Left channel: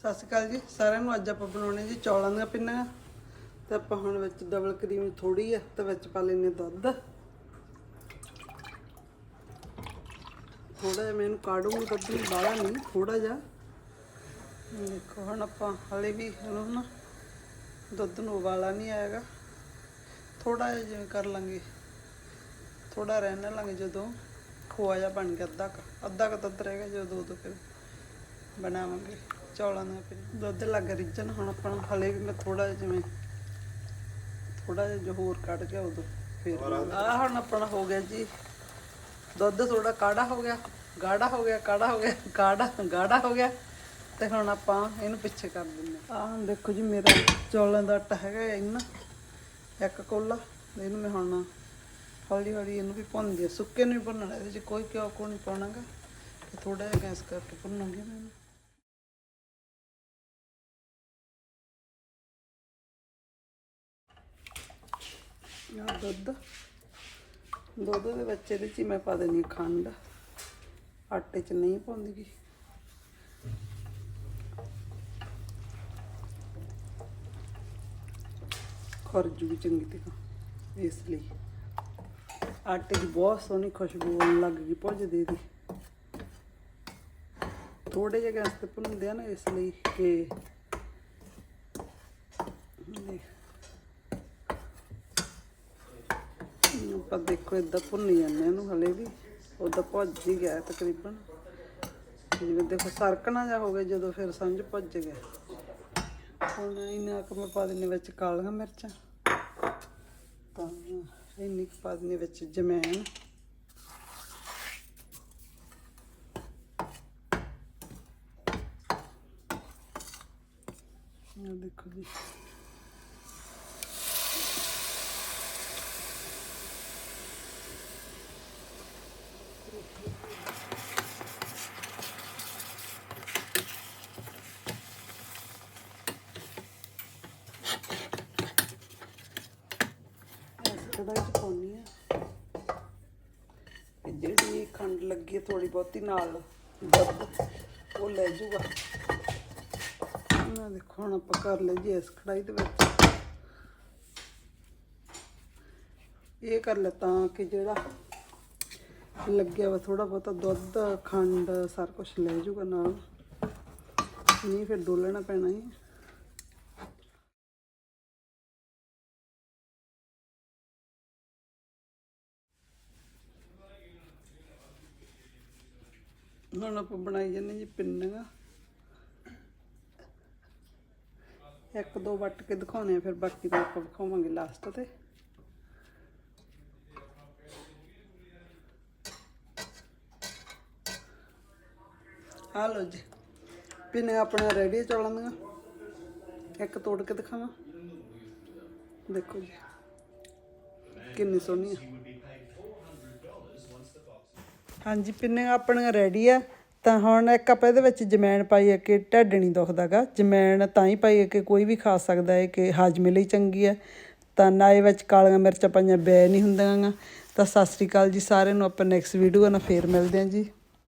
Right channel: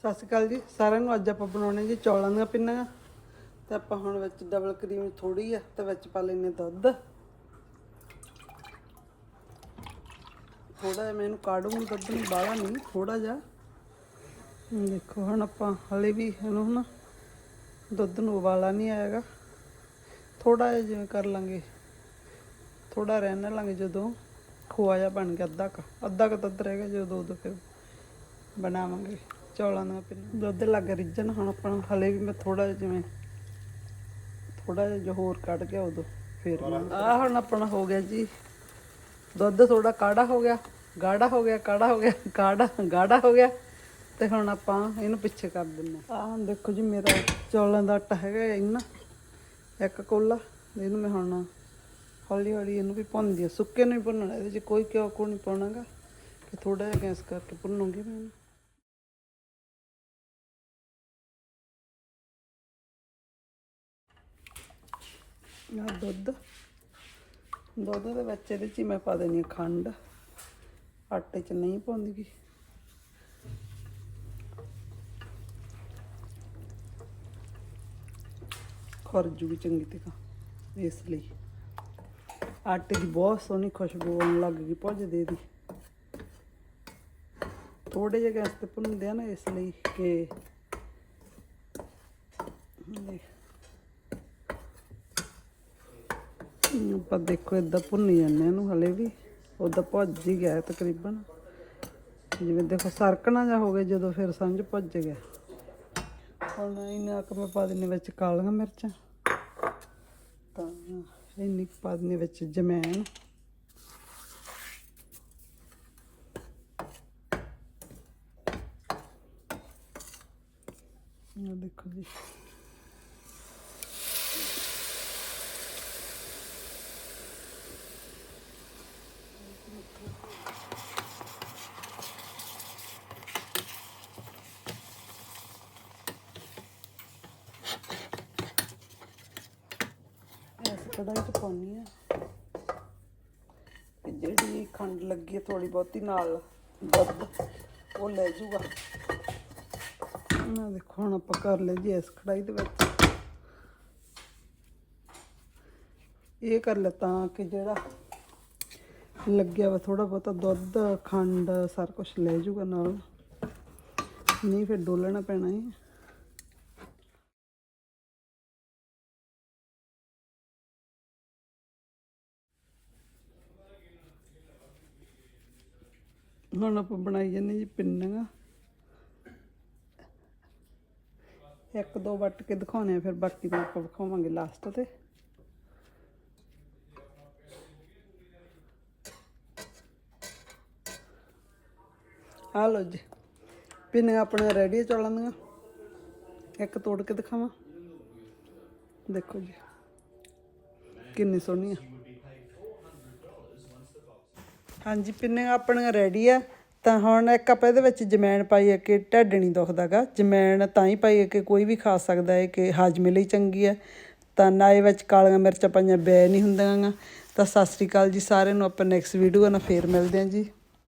ਸਤਿ ਸ਼੍ਰੀ ਅਕਾਲ ਜੀ, ਸਾਰਿਆਂ ਨੂੰ ਅੱਜ ਆਪਾਂ ਬਣਾਉਣੇ ਜੀ ਚੌਲਾਂ ਦਾ ਪਿੰਨੀਆਂ ਤੇ ਆਪਾਂ ਹੁਣ ਵਿੱਚ ਡਬਲ ਕਰੀਮ ਥੋੜੀ ਆ, ਤੇ ਵਿੱਚ ਪਾ ਲੈਨੇ ਦੁੱਧ। ਥੋੜਾ ਜਿਹਾ ਮੈਨੂੰ ਕਾੜੂੰਗੀ ਦੁੱਧ ਨੂੰ ਬਾਹਲਾ ਨਹੀਂ ਥੋੜਾ ਜਿਹਾ। ਦੇਖੋ, ਹੁਣ ਆਪਾਂ ਹਲੇ ਵੀ ਇਹਨੂੰ ਨਾ ਦੁੱਧ ਨੂੰ ਉਬਾਲਾ ਨਹੀਂ ਆਏਗਾ ਥੋੜਾ ਜਿਹਾ ਜਿਵੇਂ ਕਰ ਲਾਂਗੇ। ਥੋੜਾ ਰਹਿਣ ਲਾਂਗੇ ਜਦੋਂ ਖੋਆ ਜਿਹਾ ਬਣ ਗਿਆ ਅੱਧਾ ਕੁ ਅੱਧਾ ਕੁ ਦੁੱਧ ਰਹਿ ਗਿਆ ਜਦੋਂ ਉਦੋਂ ਫਿਰ ਬਣਾਵਾਂਗੇ। ਚੌਲਾਂ ਦਾ ਫਿਰ ਦੁੱਧ ਲੱਗ ਰਿੱਝਣ ਹੁਣ ਆਪਣਾ ਹਲੇ ਵੀ ਮੈਂ ਥੋੜਾ ਜਿਹਾ ਜਿਵੇਂ ਥੋੜਾ ਜਿਹਾ ਜੋ ਹੋਰ ਕੱਢ ਗਿਆ ਉਦੋਂ ਫਿਰ ਆ ਹੁਣ ਆਪਣਾ ਹੋ ਗਿਆ ਜੀ ਦੁੱਧ ਥੋੜਾ ਕਾੜਾ ਹੋ ਗਿਆ ਗਾੜਾ ਹੋ ਗਿਆ ਕਾੜਾ ਹੋ ਗਿਆ ਕਾੜਾ ਗਾੜਾ ਹੋ ਗਿਆ ਤੇ ਹੁਣ ਆਪਾਂ ਇਹਨੂੰ ਪਿੱਛੇ ਕਰ ਦਿੰਦੇ ਆ ਆਹ ਦੇਖੋ ਜੀ ਮੇਰਾ ਚੌਲਾਂ ਦਾ ਆਟਾ ਹੈਗਾ ਇੰਨਾ ਇੱਕ ਕੋਲਾ ਇਹਨੂੰ ਮੈਂ ਹੁਣ ਹੌਲੀ ਹੌਲੀ ਇਹਨੂੰ ਵੀ ਭੁੰਨਦੀ ਆ ਸੁੱਕੇ ਨੂੰ ਹੀ ਭੁੰਨਣਾ ਇਹਦੇ 'ਚ ਕੋਈ ਕਿਉਂ ਕੋ ਨਹੀਂ ਪਾਉਣਾਗਾ ਤੇ ਥੋੜਾ ਜਿਹਾ ਗੈਸ ਕਰਕੇ ਭੁੰਨੂਗੀ ਮੈਂ ਇਹਨੂੰ ਦੁੱਧ। ਦੁੱਧ ਦੇ ਵਿੱਚ ਇਹਦੇ 'ਚ ਹੀ ਮੈਂ ਪਾ ਦੇਣੀ ਆ ਖੰਡ। ਆਟੇ 'ਚ ਨਹੀਂ ਪਾਉਂਦੀ ਗੀ ਖਰਜੂ ਵੀ ਚੰਗੀ ਤਰ੍ਹਾਂ ਇਸ ਲਈ। ਆਟੇ ਦੀ ਬਹੁਤ ਸੋਹਣੀ ਖੁਸ਼ਬੂ ਆਉਣ ਲੱਗ ਗਈ ਭੁੱਜਦੇ ਦੀ। ਥੋੜੇ ਜਿਹੇ ਗੈਸ ਤੇ ਭੁੰਨਦੇ ਆ ਨਾ ਇਸ ਲਈ ਕਿ ਦੇਖ। ਆਪਾਂ ਦੇਖੋ ਇਦਾਂ ਭੁੰਨੀ ਜਾਂਦੇ ਇਹਨੂੰ ਹਲੇ ਵੀ। ਉਦਾਂ ਭੱਜ ਹੀ ਗਿਆ ਤਕਰੀਬਨ। ਜਿਵੇਂ ਦੇਖੋ ਸਰਕਣਾ ਜਾਂ ਹੋਵੇ ਜਦੋਂ ਫਿਰ ਸਮਝ ਭੱਜ ਗਿਆ। ਹੁਣ ਇਹਨਾਂ ਕੁ ਮੈਂ ਪਾ ਦਿੰਦੀ ਵਿੱਚ ਕਾਲੀਆਂ ਮਿਰਚਾਂ। ਤਾਂ ਇੰਨੀ ਪਾ ਦਿੰਦੀ ਵਿੱਚ ਜਮੈਣ। ਦੇਖੋ ਜੀ। ਇਸ ਚ ਪਾਉਣੀ ਆ ਜਿਹੜੀ ਖੰਡ ਲੱਗੀ ਹੈ ਥੋੜੀ ਬਹੁਤੀ ਨਾਲ ਦੁੱਧ, ਉਹ ਲੈ ਜੂਗਾ ਮੈਂ ਦੇਖੋ, ਹੁਣ ਆਪਾਂ ਕਰ ਲਈ ਜੀ ਇਸ ਕੜਾਈ ਦੇ ਵਿੱਚ। ਇਹ ਕਰ ਲੈ ਤਾਂ ਕਿ ਜਿਹੜਾ ਲੱਗਿਆ ਵਾ ਥੋੜਾ ਬਹੁਤਾ ਦੁੱਧ, ਖੰਡ, ਸਾਰਾ ਕੁਝ ਲੈ ਜੂਗਾ ਨਾਲ। ਨਹੀਂ ਫਿਰ ਡੋਲਣਾ ਪੈਣਾ ਹੈ ਹੁਣ ਆਪਾਂ ਬਣਾਈ ਜਾਂਦੇ ਜੀ ਪਿੰਨੀਆਂ ਇੱਕ ਦੋ ਵੱਟ ਕੇ ਦਿਖਾਉਣੇ ਆ ਫਿਰ ਬਾਕੀ ਦਾ ਆਪਾਂ ਦਿਖਾਵਾਂਗੇ ਲਾਸਟ ਤੇ। ਆ ਲਓ ਜੀ ਪਿੰਨੀਆਂ ਆਪਣੀਆਂ ਰੈਡੀ ਚੌਲਾਂ ਦੀਆਂ ਇੱਕ ਤੋੜ ਕੇ ਦਿਖਾਵਾਂ। ਦੇਖੋ ਜੀ, ਕਿੰਨੀ ਸੋਹਣੀ ਆ ਹਾਂਜੀ, ਪਿੰਨੀਆਂ ਆਪਣੀਆਂ ਰੈਡੀ ਆ। ਤਾਂ ਹੁਣ ਇੱਕ ਆਪਾਂ ਇਹਦੇ ਵਿੱਚ ਜਮੈਣ ਪਾਈ ਹੈ ਕਿ ਢਿੱਡ ਨਹੀਂ ਦੁਖਦਾਗਾ ਜਮੈਣ ਤਾਂ ਹੀ ਪਾਈ ਹੈ ਕਿ ਕੋਈ ਵੀ ਖਾ ਸਕਦਾ ਹੈ ਕਿ ਹਾਜ਼ਮੇ ਲਈ ਚੰਗੀ ਹੈ ਤਾਂ ਨਾ ਇਹ ਵਿੱਚ ਕਾਲੀਆਂ ਮਿਰਚਾਂ ਪਾਈਆਂ ਬੈ ਨਹੀਂ ਹੁੰਦੀਆਂ ਗਾ। ਤਾਂ ਸਤਿ ਸ੍ਰੀ ਅਕਾਲ ਜੀ ਸਾਰਿਆਂ ਨੂੰ, ਆਪਾਂ ਨੈਕਸਟ ਵੀਡੀਓ ਨਾਲ ਫੇਰ ਮਿਲਦੇ ਹਾਂ ਜੀ।